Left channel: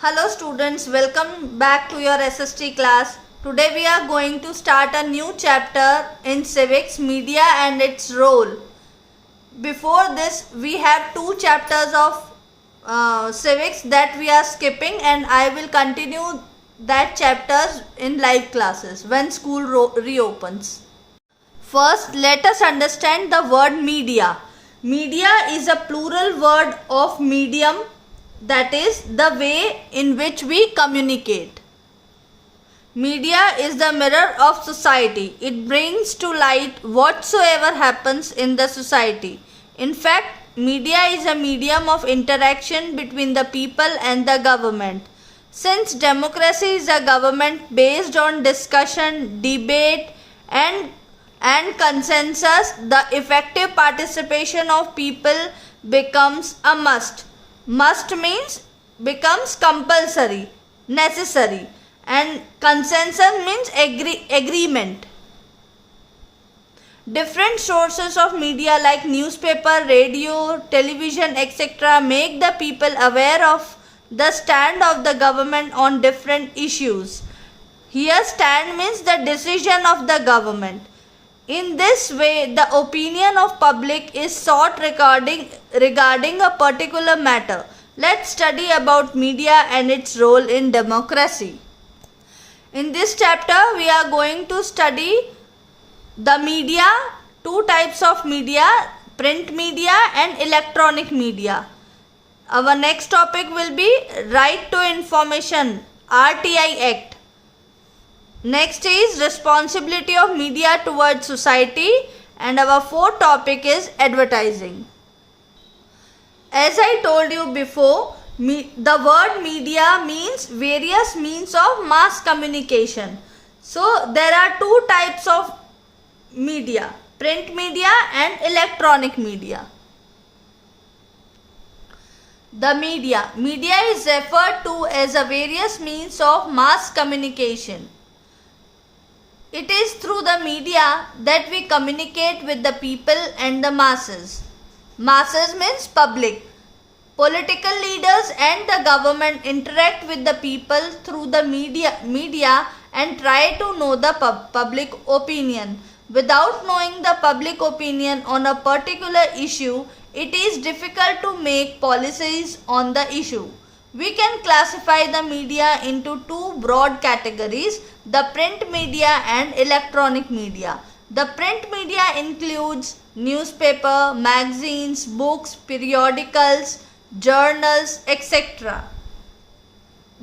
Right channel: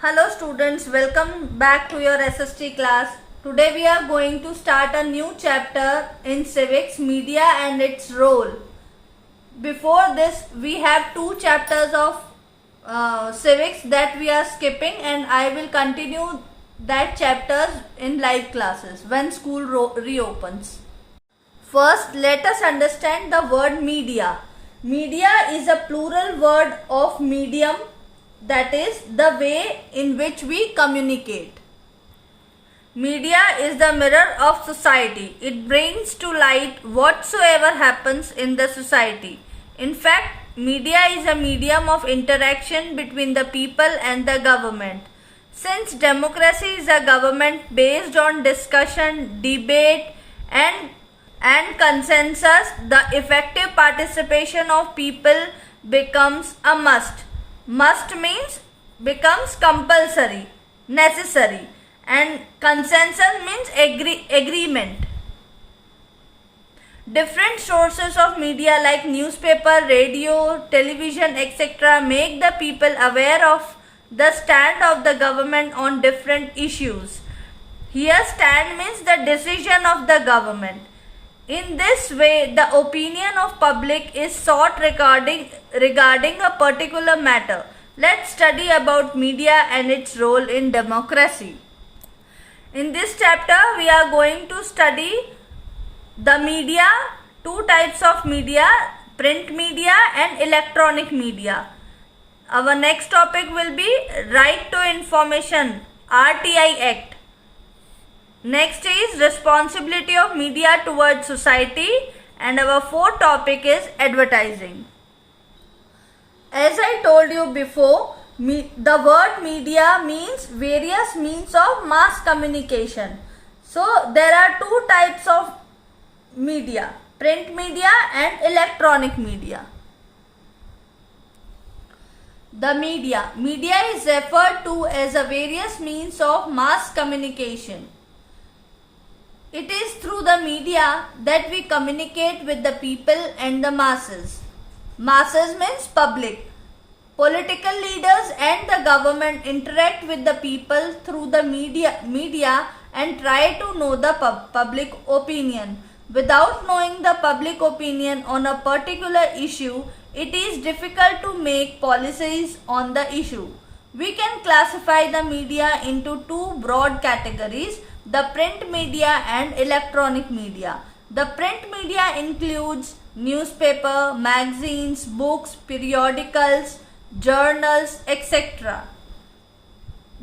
Hello students, welcome back to your SST class. Today we are going to start a new chapter in civics, media and its role. Before this we have two chapters of civics that we are skipping, and I will continue that chapters in live classes when school reopens. First, let us understand the word media. Media is a plural word of medium, that is the way in which we communicate. Media is the mirror of society. It brings to light whatsoever happens in the society. In fact, media is a medium of interaction between the people and the government. Since democracy is a government based on discussion, debate and consensus, the effective participation of people becomes a must. Must means becomes compulsory, necessary, and consensus means agreement. Different sources of media like newspaper, radio, television, etc. make the people aware of the stand of the government on different issues. Here stand means the decision of the government. In this way, the opinion of public is sought regarding a particular matter. Let's study about media and its role in democracy. In this chapter, we are going to study the media, two types of media, print media and electronic media. Our next topic will be Right to Information, RTI Act. Next is responsibility of media towards society, and our fourth topic is advertising. As I told you before, the word media means various means of mass communication. So there are two types of media, print media and electronic media. The media is referred to as a various means of mass communication. It is through the media that we communicate with the people and the masses. Masses means public. Political leaders and the government interact with the people through the media and try to know the public opinion. Without knowing the public opinion on a particular issue, it is difficult to make policies on the issue. We can classify the media into two broad categories, the print media and electronic media. The print media includes newspaper, magazines, books, periodicals, journals, etc.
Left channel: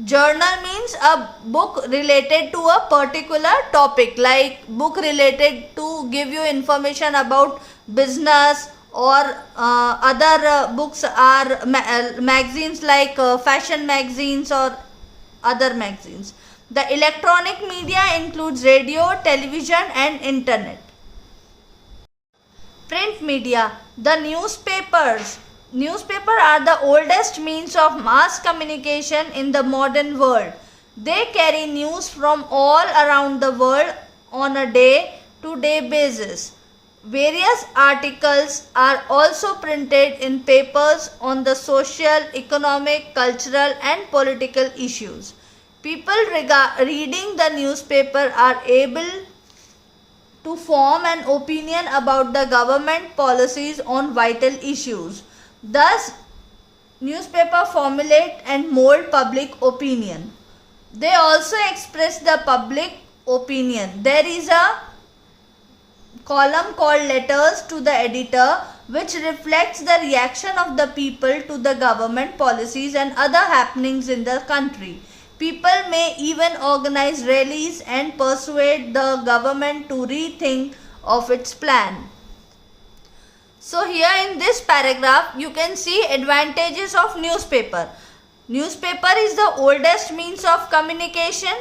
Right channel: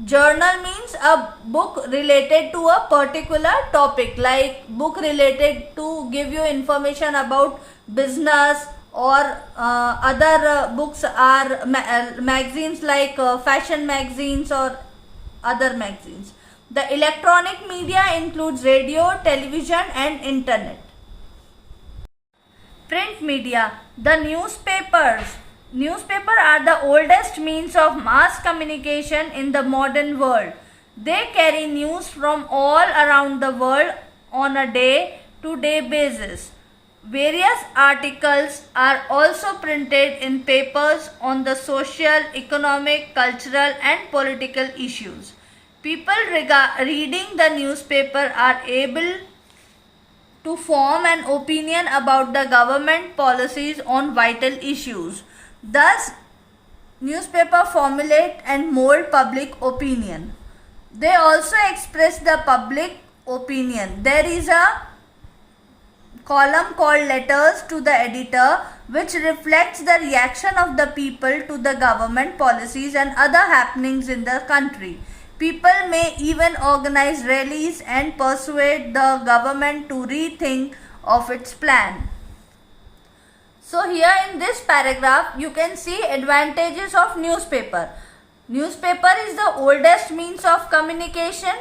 Journal means a book related to a particular topic, like book related to give you information about business, or other books are magazines like fashion magazines or other magazines. The electronic media includes radio, television and internet. Print media. The newspapers. Newspapers are the oldest means of mass communication in the modern world. They carry news from all around the world on a day-to-day basis. Various articles are also printed in papers on the social, economic, cultural and political issues. People reading the newspaper are able to form an opinion about the government policies on vital issues. Thus, newspaper formulate and mold public opinion. They also express the public opinion. There is a column called letters to the editor, which reflects the reaction of the people to the government policies and other happenings in the country. People may even organize rallies and persuade the government to rethink of its plan. So here in this paragraph you can see advantages of newspaper. Newspaper is the oldest means of communication.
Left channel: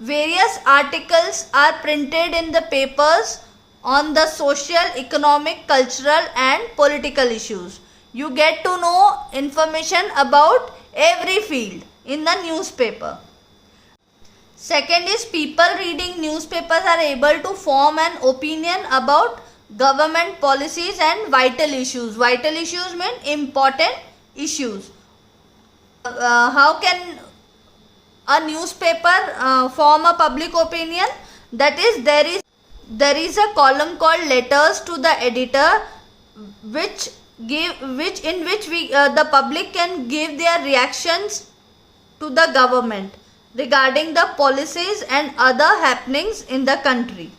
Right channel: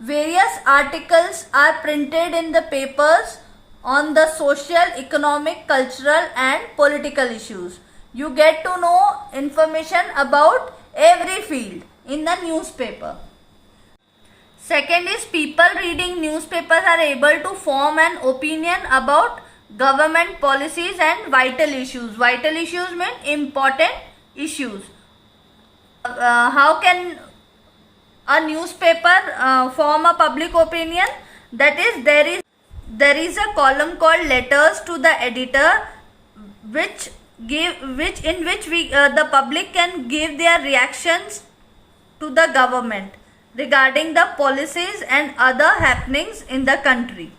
Various articles are printed in the papers on the social, economic, cultural and political issues. You get to know information about every field in the newspaper. Second is people reading newspapers are able to form an opinion about government policies and vital issues. Vital issues mean important issues. How can a newspaper form a public opinion? That is, there is a column called letters to the editor, which the public can give their reactions to the government regarding the policies and other happenings in the country.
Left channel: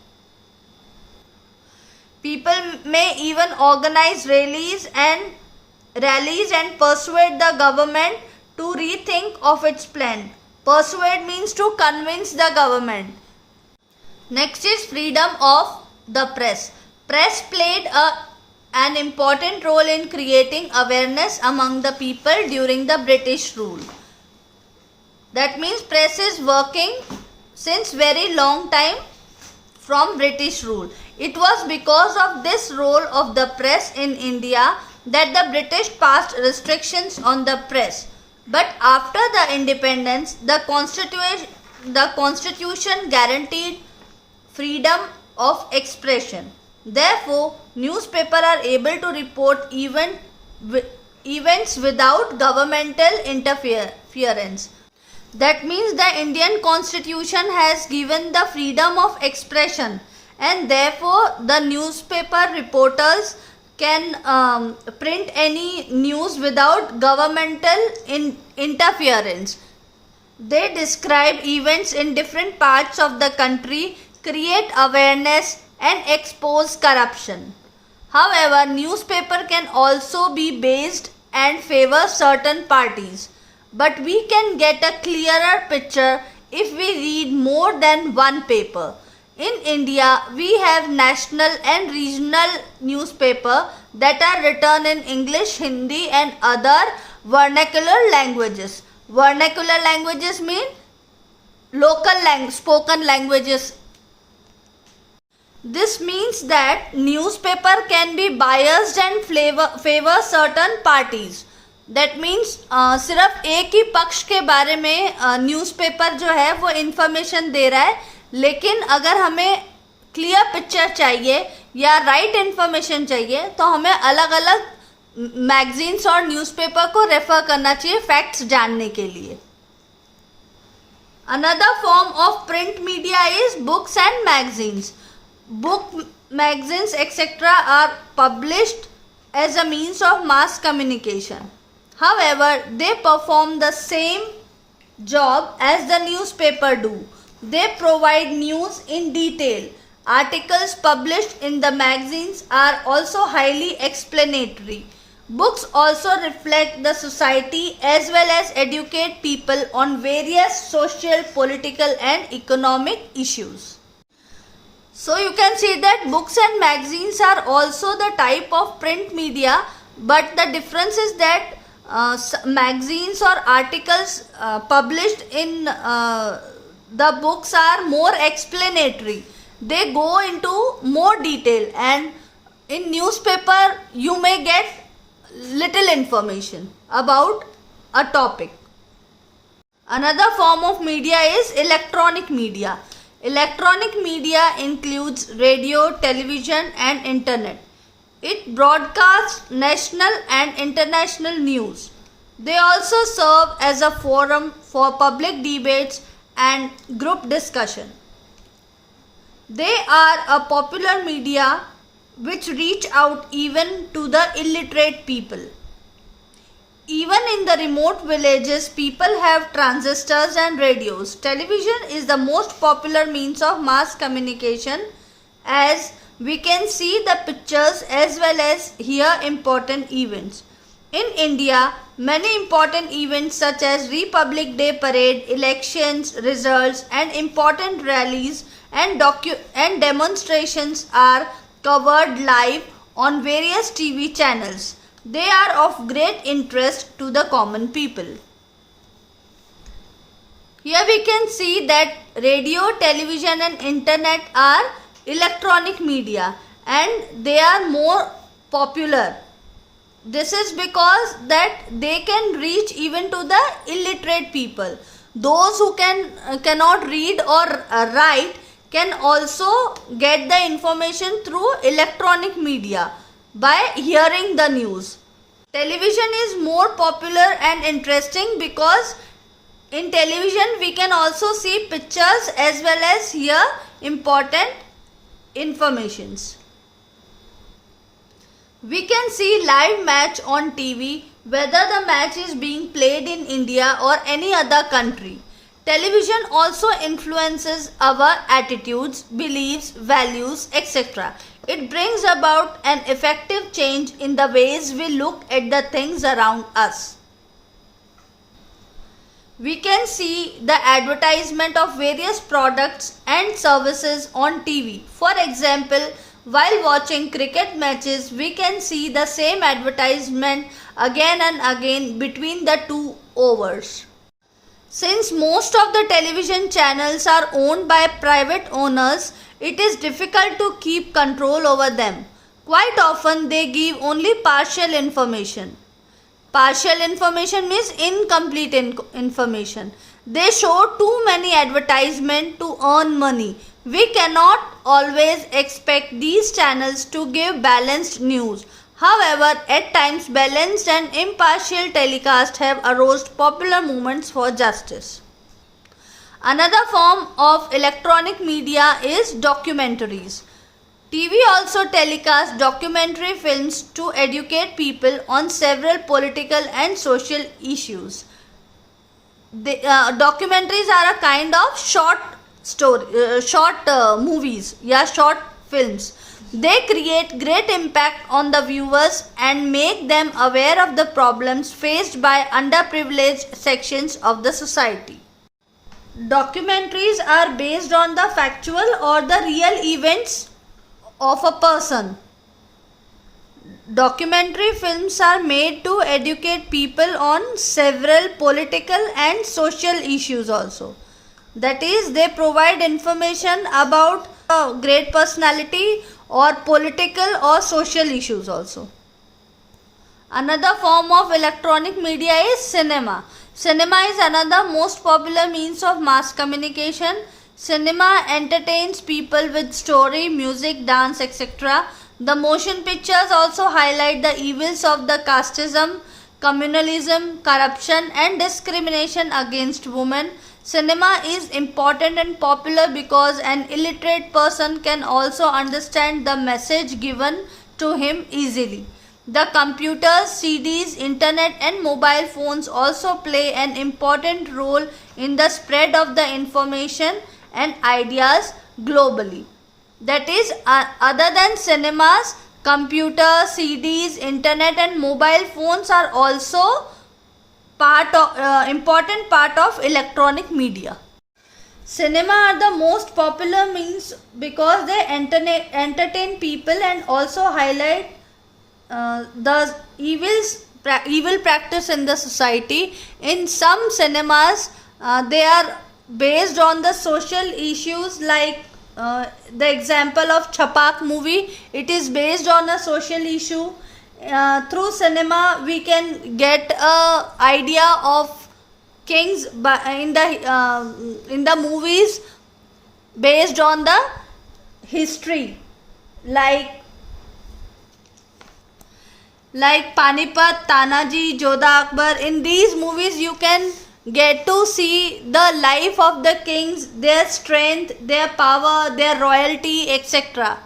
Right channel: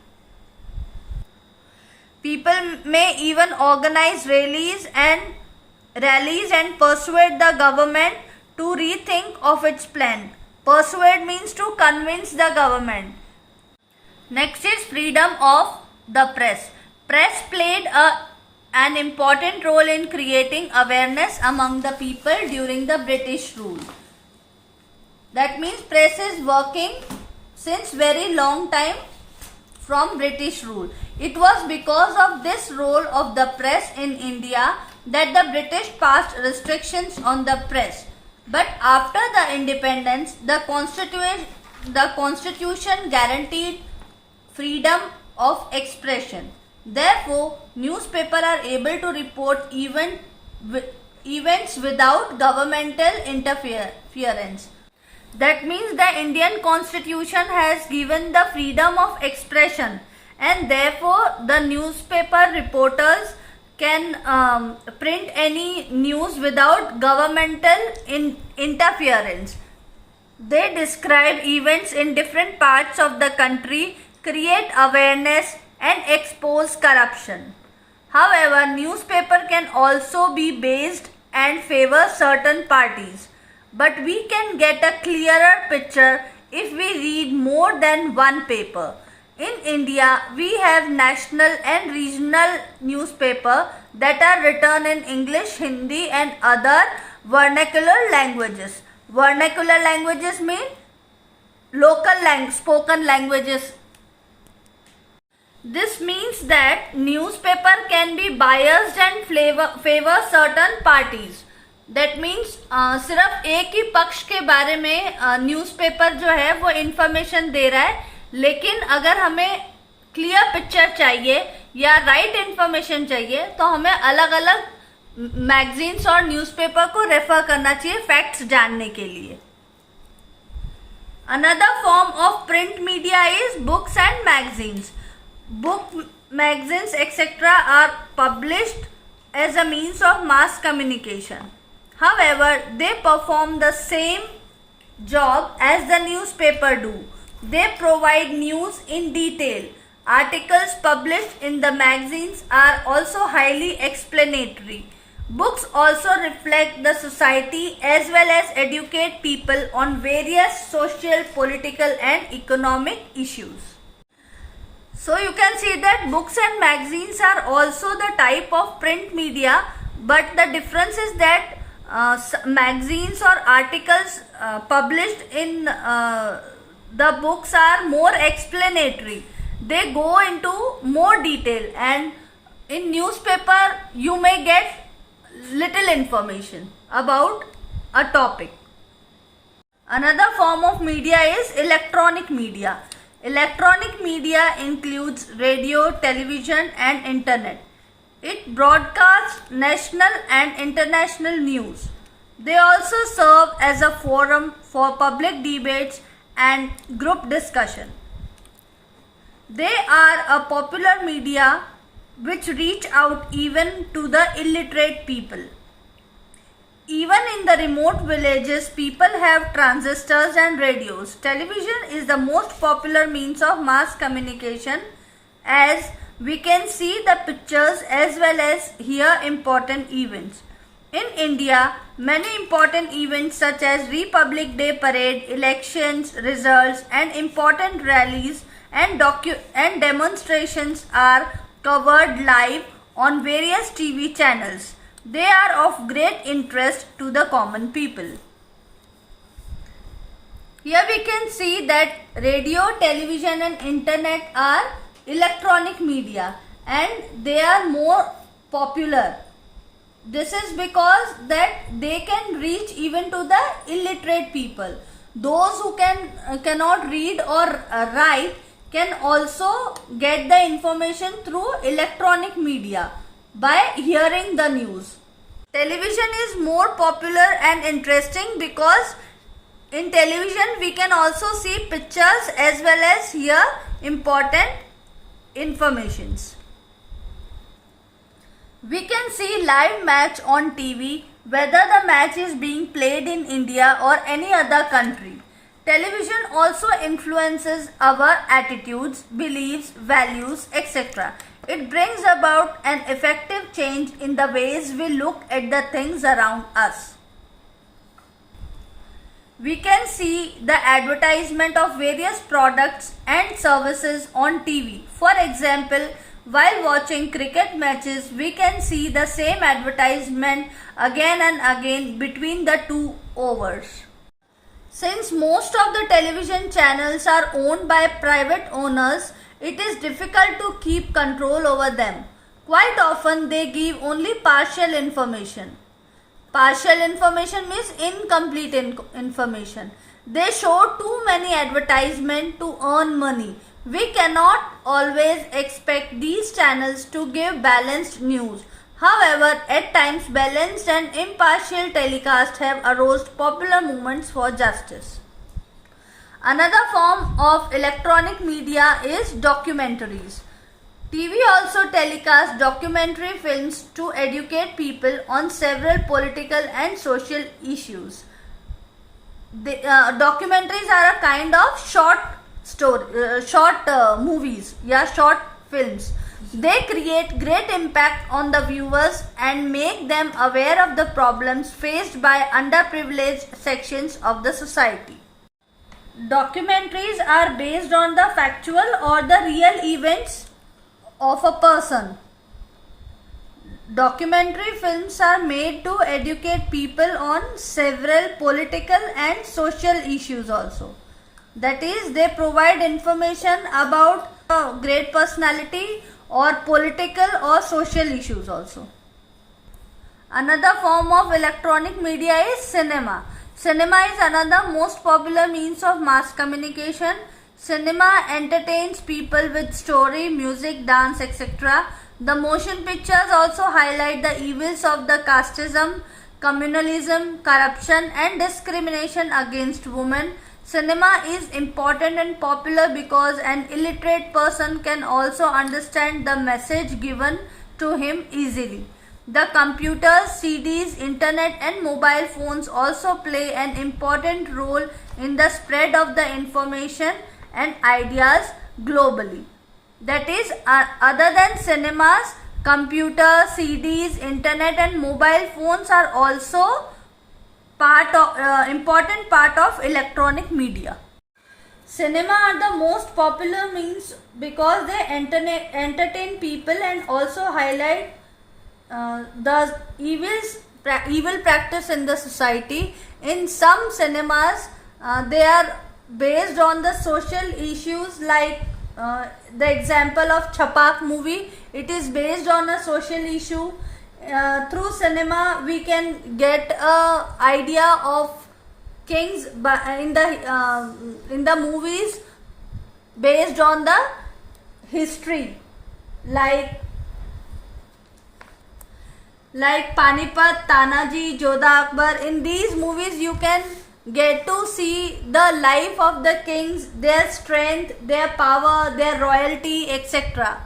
People may even organize rallies and persuade the government to rethink of its plan. Persuade means to convince the government. Next is freedom of the press. Press played an important role in creating awareness among the people during the British rule. That means press is working since very long time from British rule. It was because of this role of the press in India that the British passed restrictions on the press. But after the independence, the constitution guaranteed freedom of expression. Therefore, newspapers are able to report events without governmental interference. That means the Indian constitution has given the freedom of expression, and therefore the newspaper reporters can print any news without governmental interference. They describe events in different parts of the country, create awareness and expose corruption. However, newspaper can also be based and favor certain parties. But we can get a clearer picture if we read more than one paper. In India, we have national and regional newspaper that are written in English, Hindi and other vernacular languages. Vernacular languages mean local spoken languages. This means that newspaper can be biased and favor certain parties. That means सिर्फ एक ही पक्ष के बारे में newspaper जो है वो information दे रहा है, लेकिन अगर हमें क्लियर पिक्चर चाहिए या राइट इन्फॉर्मेशन चाहिए तो हमें अलग अलग मैगजीन्स और न्यूज़पेपर को रेफर करना चाहिए फैक्ट्स जानने के लिए. Another form of print media is books and magazines. Book, magazines, etc. are published as a means of mass communication. However, they perform the same job as the newspaper do. They provide news in detail. Articles published in the magazines are also highly explanatory. Books also reflect the society as well as educate people on various social, political and economic issues. So you can see that books and magazines are also the type of print media, but the difference is that magazines or articles published in the books are more explanatory. They go into more detail, and in newspaper you may get little information about a topic. Another form of media is electronic media. Electronic media includes radio, television and internet. It broadcasts national and international news. They also serve as a forum for public debates and group discussion. They are a popular media which reach out even to the illiterate people. Even in the remote villages, people have transistors and radios. Television is the most popular means of mass communication, as we can see the pictures as well as hear important events. In India, many important events such as Republic Day parade, elections, results and important rallies and demonstrations are covered live on various TV channels. They are of great interest to the common people. Here we can see that radio, television and internet are electronic media and they are more popular. This is because that they can reach even to the illiterate people. Those who cannot read or write can also get the information through electronic media by hearing the news. Television is more popular and interesting because in television we can also see pictures as well as hear important informations. We can see live match on TV whether the match is being played in India or any other country. Television also influences our attitudes, beliefs, values, etc. It brings about an effective change in the ways we look at the things around us. We can see the advertisement of various products and services on TV. For example, while watching cricket matches, we can see the same advertisement again and again between the two overs. Since most of the television channels are owned by private owners, it is difficult to keep control over them. Quite often they give only partial information. Partial information means incomplete information. They show too many advertisements to earn money. We cannot always expect these channels to give balanced news. However, at times balanced and impartial telecasts have aroused popular movements for justice. Another form of electronic media is documentaries. TV also telecasts documentary films to educate people on several political and social issues. Documentaries are a kind of short movies, short films. They create great impact on the viewers and make them aware of the problems faced by underprivileged sections of the society. Documentaries are based on the factual or the real events of a person. Documentary films are made to educate people on several political and social issues also. That is, they provide information about a great personality or political or social issues also. Another form of electronic media is cinema. Cinema is another most popular means of mass communication. Cinema entertains people with story, music, dance, etc. The motion pictures also highlight the evils of the casteism, communalism, corruption and discrimination against women. Cinema is important and popular because an illiterate person can also understand the message given to him easily. The computers, CDs, internet and mobile phones also play an important role in the spread of the information and ideas globally. That is, other than cinemas, computers, CDs, internet and mobile phones are also important part of electronic media. Cinema are the most popular means because they entertain people and also highlight the evil practice in the society. In some cinemas, they are based on the social issues, like the example of Chhapak movie. It is based on a social issue. Through cinema we can get a idea of kings in the movies based on the history, like Panipat, Tanaji, Jodha Akbar. In these movies you can get to see the life of the kings, their strength, their power, their royalty, etc.